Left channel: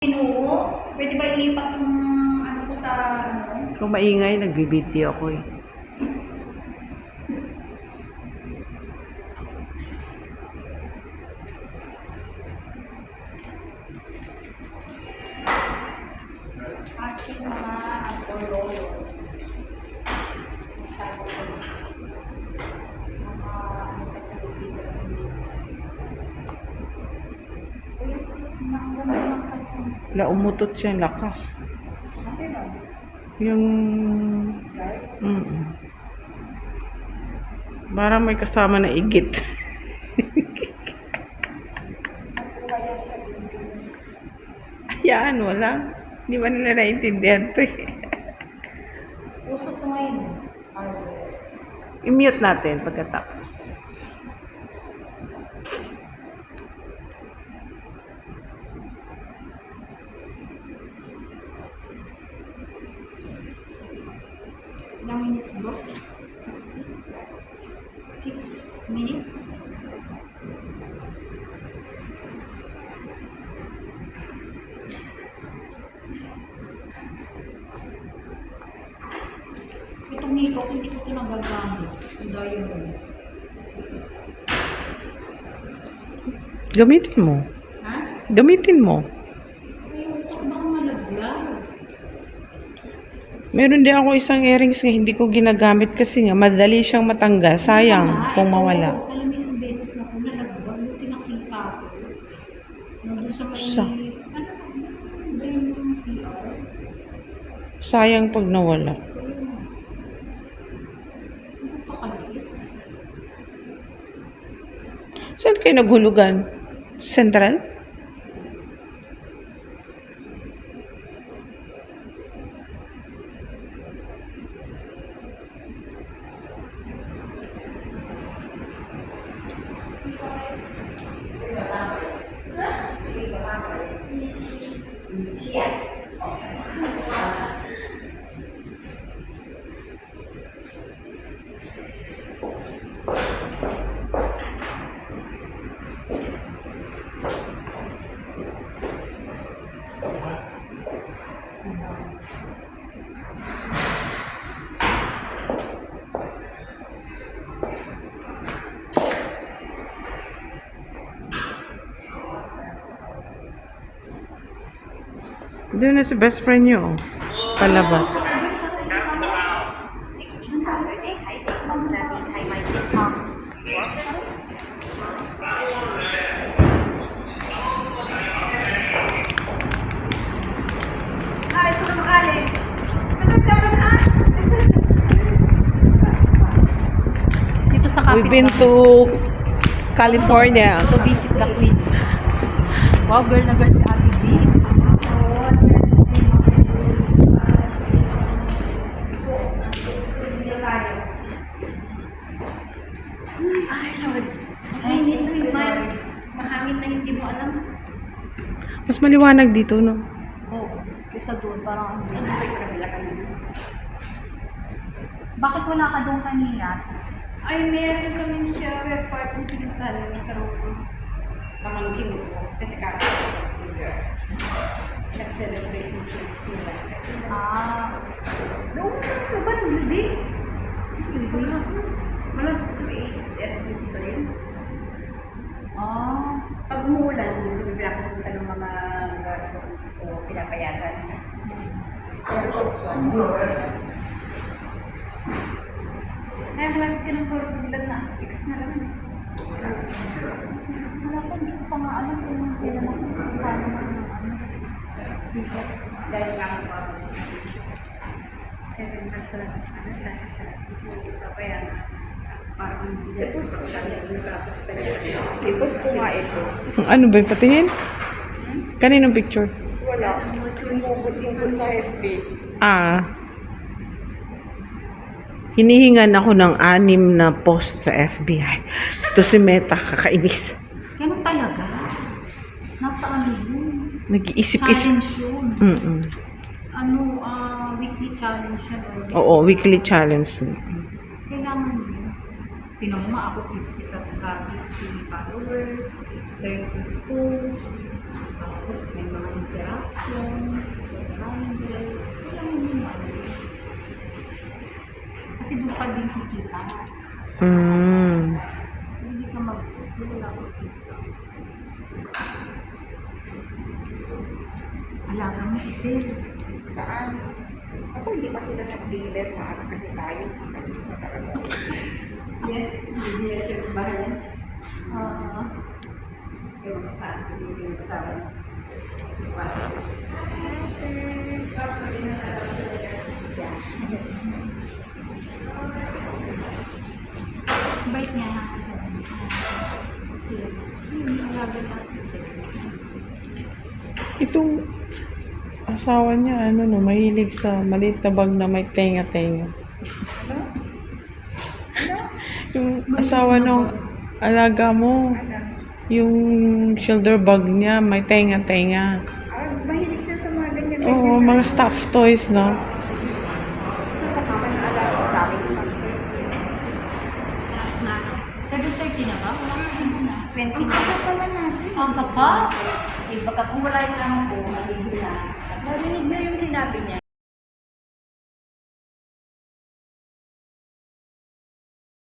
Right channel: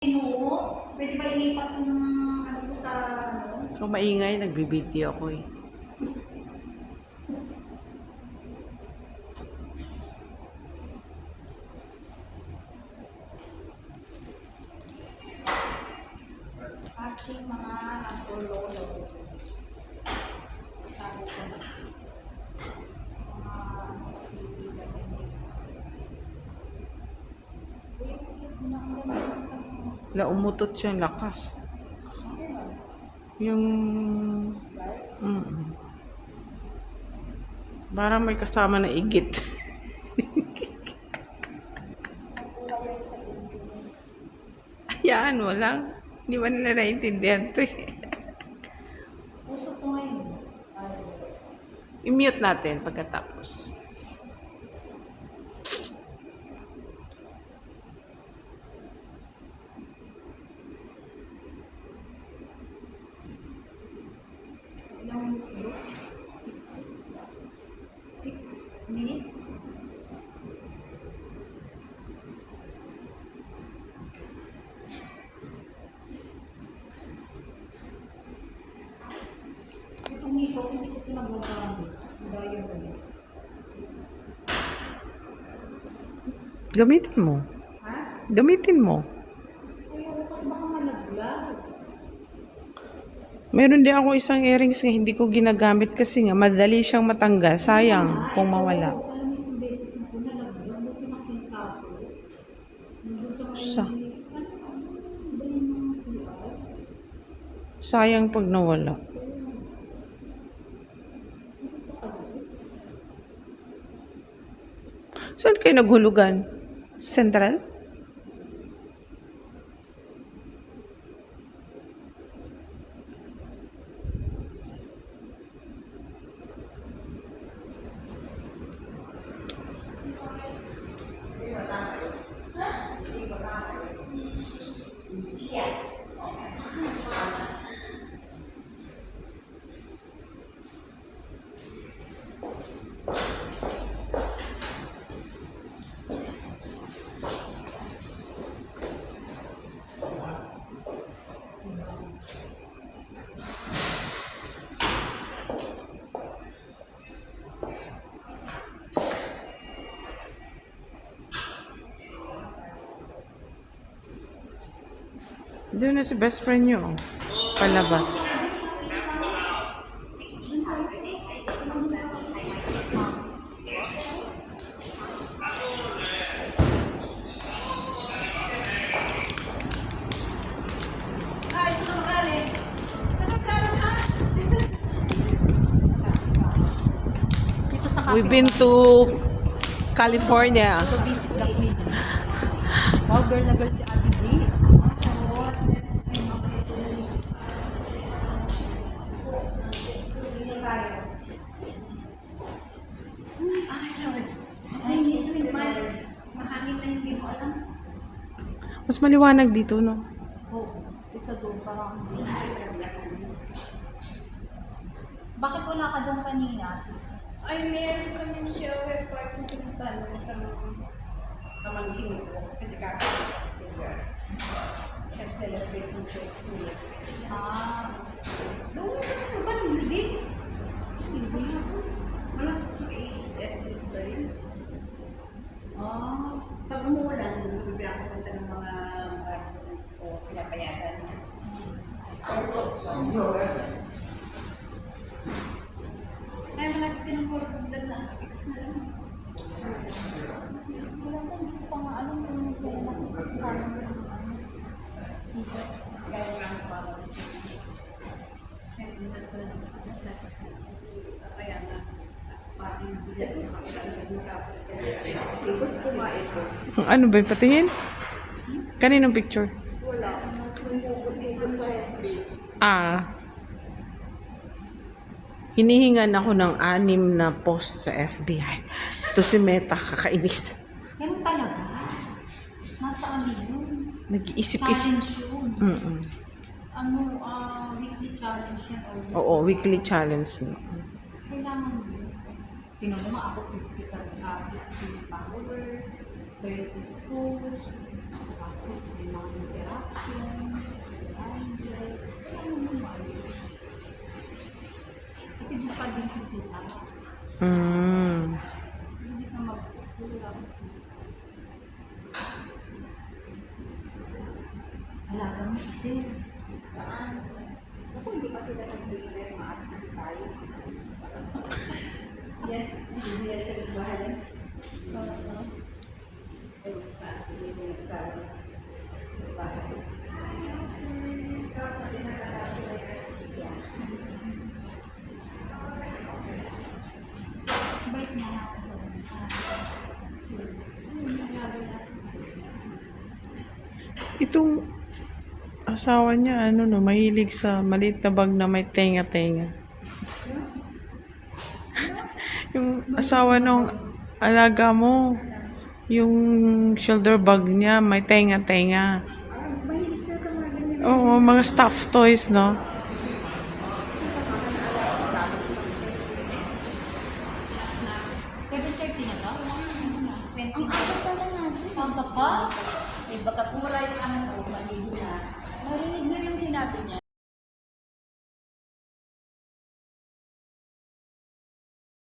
Pinuo? Pwede ba ilipat yung ano ko sa ano? Kung maingay, nagbibideo ako eh. Ating mga agololo. Masyado ko na. Mga ano kasi dito. Na umutot siya, lakas. Kasi lang. Yung... Parang may kasama na igit. Ayan, wala. Hindi ba nila naintindihan to eh. Uso to ngayon. I-mute natin pagkatapos. Ilang minutes bro? 60? 6 minutes? Itong nito, hindi ko ito nagagamit. Ang dahil mo. Gamitin mo. Ha? Gamitin mo. Ayun, kasi baka malaglag. Meron din ako isang earrings na hindi ko ginagamit kasi nga madali siyang matanggal. Sayang kung mawala. Alam mo, isang beses na kung nalaglag, buti nakita ko. Nandun sa may, drain ng CR. Sayang pag nawala. Ayun. Ano pa kalit? Saan kayo naghulugan? Central? Doon na si best friend niyo. Oh. Palabas. Ay, saan ka magaling? Saan ka magaling? Dito sa We've been to California. To visit the Queen. Wow, girl na girl si Ate B. Ay, Lord. Mahangin na hindi mo alam. Mas maliwanag dito, no? Oo. Kaysa doon, parang ang bilis. Bakit wala ka doon kanina? Ay, meron kami shower party pinuntahan ng isang pamangkin ko kasi kakasya sa lugar. Nag-celebrate yung kids nila. Kasi doon sa ba nag-building? Wala ko. Wala ko sa SBC Brain. Pag umuulan, dito bibila ko punta ng mga lugar o pinapayagan. Kaya marami ka ng bilang na fix na lang. Wala pa, hindi ko pa nga alam kung kailan ako paano na Dahil nga ako papalis. 7 months ko lang sa papayagan. Parang hindi na po sa ulan nakapos pa niya. Tapos kumain. Ano ba yung patingin? Kaninong picture? Wala. Umuubutin ko sa FB. Hinihingan ako ng 6 na post sa FBI. Ito si Meta, kakainis. Ganun talaga. Nasa ano yun? Nag-iisip-isip. Challenge yun. Ano, weekly challenge yan. Oo, weekly challenge. Kailangan yun. Tinan mo nga ako 50 subs, 50 followers, 30 posts, Tapos may mga interaction, 100, wala mo naman. Kasi doon pa din kikita. Hindi ka mag-post, wala kang kita. Alaga mo kasi. Saan? Ako hindi pa sila nag-dealer na ano kasi tayo. Yan, hindi sa bahay. Oo. Ewan ko saan. Hindi nagsabi. Bait niya na. Sila. Alaga natin sila. Itong asawa niya, ano no, mahilig sa maliit na bag na may tenga-tenga. Yung asawa nung alaga mo, yung shoulder bag niya, may tenga-tenga. Mahilig siya sa mga ganyan. Oo, mga stuffed toys, no? Sa kaman na agad ang daming sometimes. Taas na. 7:30 na ba? Wala ka na. 20 na pa natin. Pagka pa? Baka kung wala yung lang po, narinig na yung sinabi niya.